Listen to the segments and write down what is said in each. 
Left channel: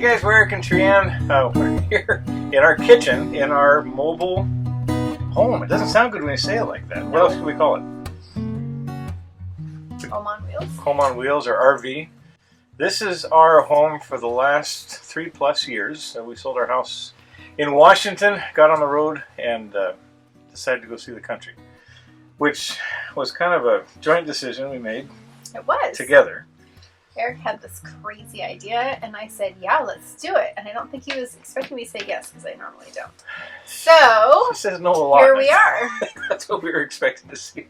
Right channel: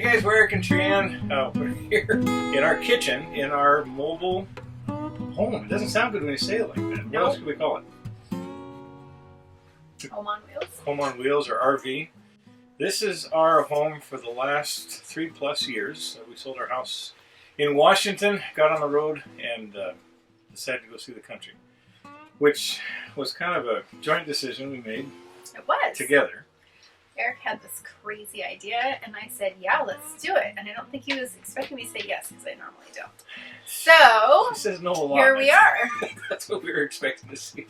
Hey guys, we're Eric and Trianne. We're here in our kitchen, in our mobile home. It doesn't sound good when you say it like that. What else can we call it? Home on wheels. Home on wheels, or RV. This is our home for the last 3+ years. We sold our house in Washington, got on the road, and decided to go see the country, which was kind of a joint decision we made. It was. Together. Eric had this crazy idea, and I said, yeah, let's do it. And I don't think he was expecting me to say yes, because I normally don't. So, she says no a lot. Here we are. That's what we were expecting to see.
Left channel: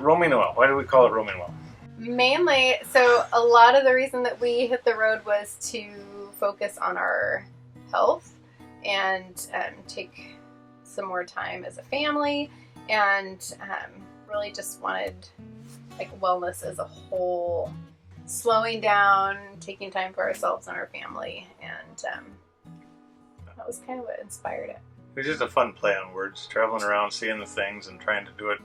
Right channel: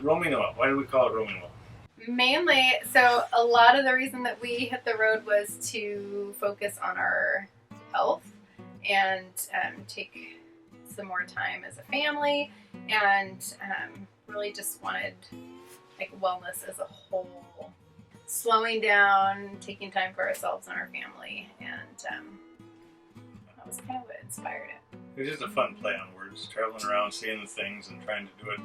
Roaming oil. Why do we call it roaming oil? Mainly, so a lot of the reason that we hit the road was to focus on our health and take some more time as a family, and really just wanted like wellness as a whole, slowing down, taking time for ourselves and our family, and that was kind of what inspired it. It was just a fun play on words, traveling around, seeing the things, and trying to do it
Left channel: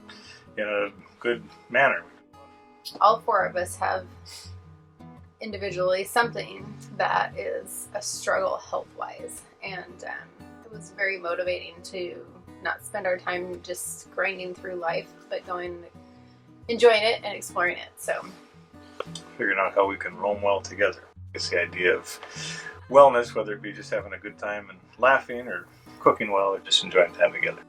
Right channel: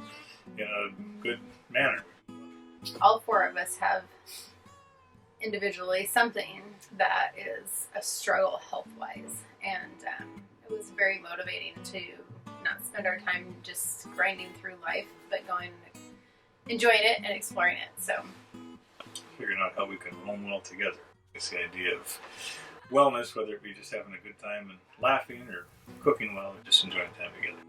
in a good manner. All four of us have individually something that is a struggle health-wise, and it was very motivating to not spend our time just grinding through life, but going, enjoying it and exploring it. So figuring out how we can roam well together. It's the idea of wellness, whether it be just having a good time and laughing, or cooking well, or just enjoying time together.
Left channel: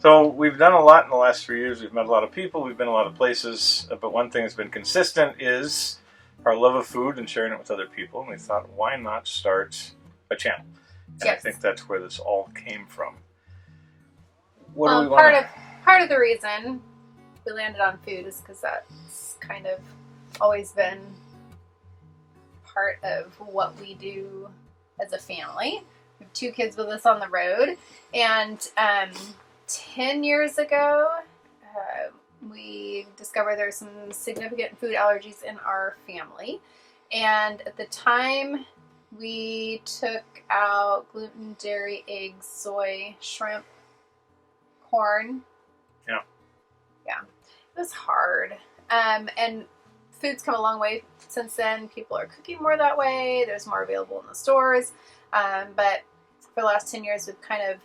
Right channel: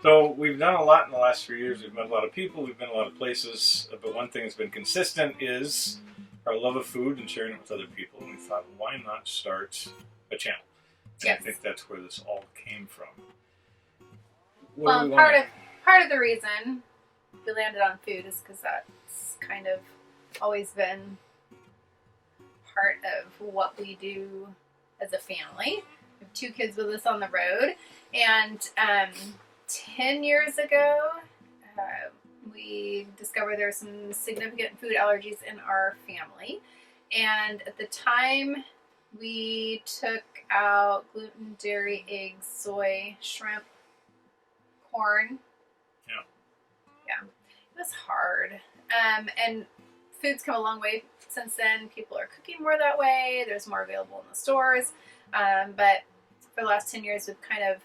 So we've done a lot in the last 3 years. We've met a lot of people, we've been a lot of places, but one thing that's been consistent is our love of food and sharing it with other people. And we thought, why not start a channel? And yes. I think that's where this all came from. Well, part of the reason we landed on food is because that's kind of always been part of what we do as a family. We have 2 kids with us on the road, and 10 years ago, we discovered there were some significant food allergies in our family. And at the time, we took out gluten, dairy, eggs, soy, shrimp, corn. Yeah. Yeah. It was hard. And food's come a long way since then. People are cooking more that way. There's more available in the stores. But for the last 10 years, we've kind of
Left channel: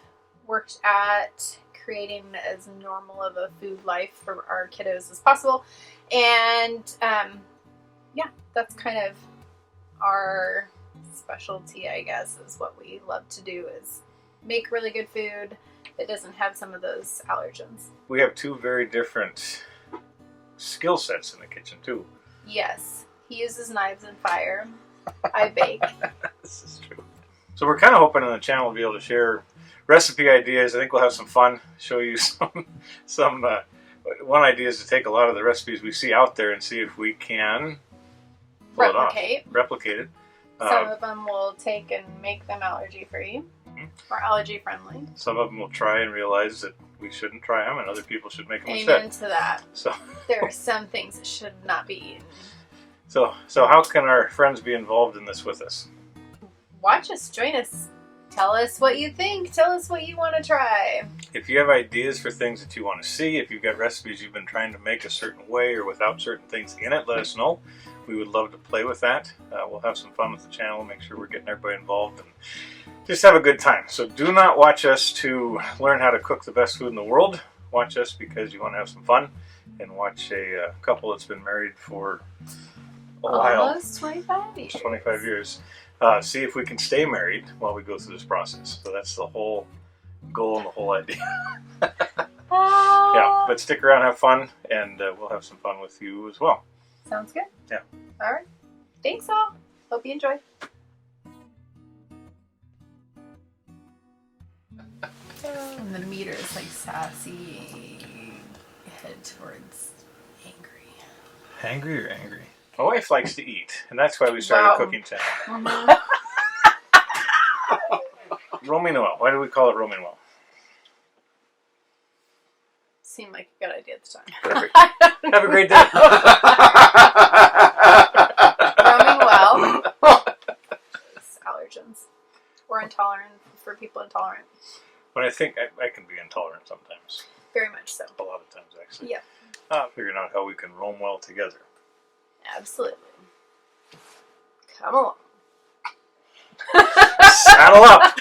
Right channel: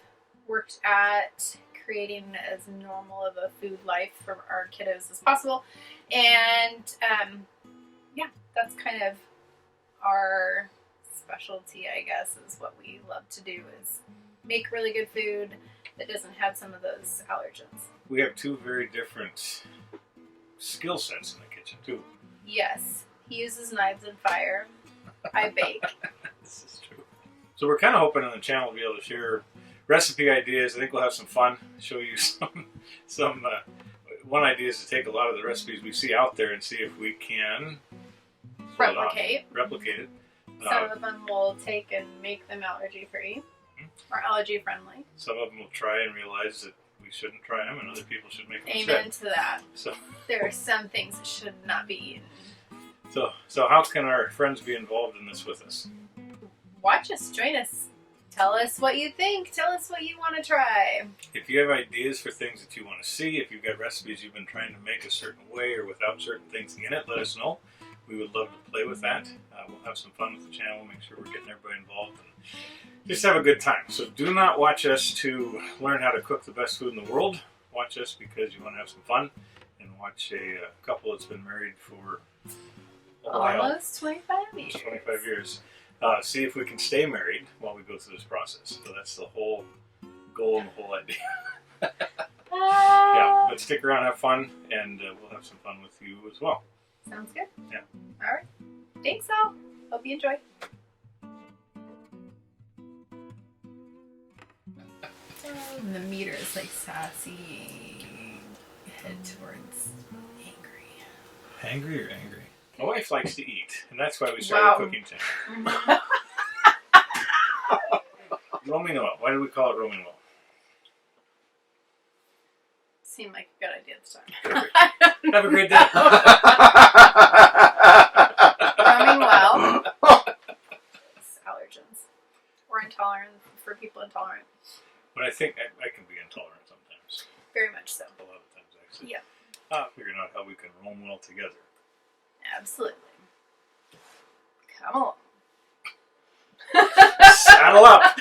worked at creating as normal of a food life for our kiddos as possible. And yeah, that's kind of our specialty, I guess, is what we love to do, is make really good food that doesn't have some of those allergens. We have 2 very different skill sets in the kitchen too. Yes, he uses knives and fire. I bake. This is true. So we're kind of hoping on the channel to be able to share recipe ideas. I think we'll have some fun, show you some one idea is to take a lot of the recipes we see out there and see if we can replicate it. Some of them we'll take and make them allergy free or allergy friendly. Some of them will try and realize that we shouldn't try them, and other people should make them Amen instead. To that. So there are some things that should not be eaten. So how can our friends be involved in this with us? Watch us, join us. Tell us what you think. Tell us what you want to try. If you have ideas for things that you want to see, if you've got recipes you've been trying to make a certain way or without certain things in it, let us know. We would love to play with that. We'll have some fun with the channel, make sure we're getting everybody involved, and just have a good time. So do not watch us to learn how to cook the best food in the world. Watch us because you want to have some fun, and watch a couple that's been married for a while. Almost 25 years. 25 years. See if we can stay married while we go through this process. So that's the whole goal and the whole idea. Yeah, but stick around, have fun, and we'll have some fun with you as well. Sounds good. Yeah. All right. Thanks, all. Hope you enjoy. And the meter is like sassy, head towards angry. Angry or angry? My wife likes to eat, and that's why we started a cooking channel. Mm-hmm. Roaming oil. Why do we call it roaming oil? Seemed like a good idea at the time. Perfect. Have a great day. Roaming well. Allergens. Or intolerant, for people intolerant. But I think I can be intolerant sometimes. Very much so. A lot of times, actually. Yeah. Figuring out how we can roam well together. Absolutely. Come along. Saddle up.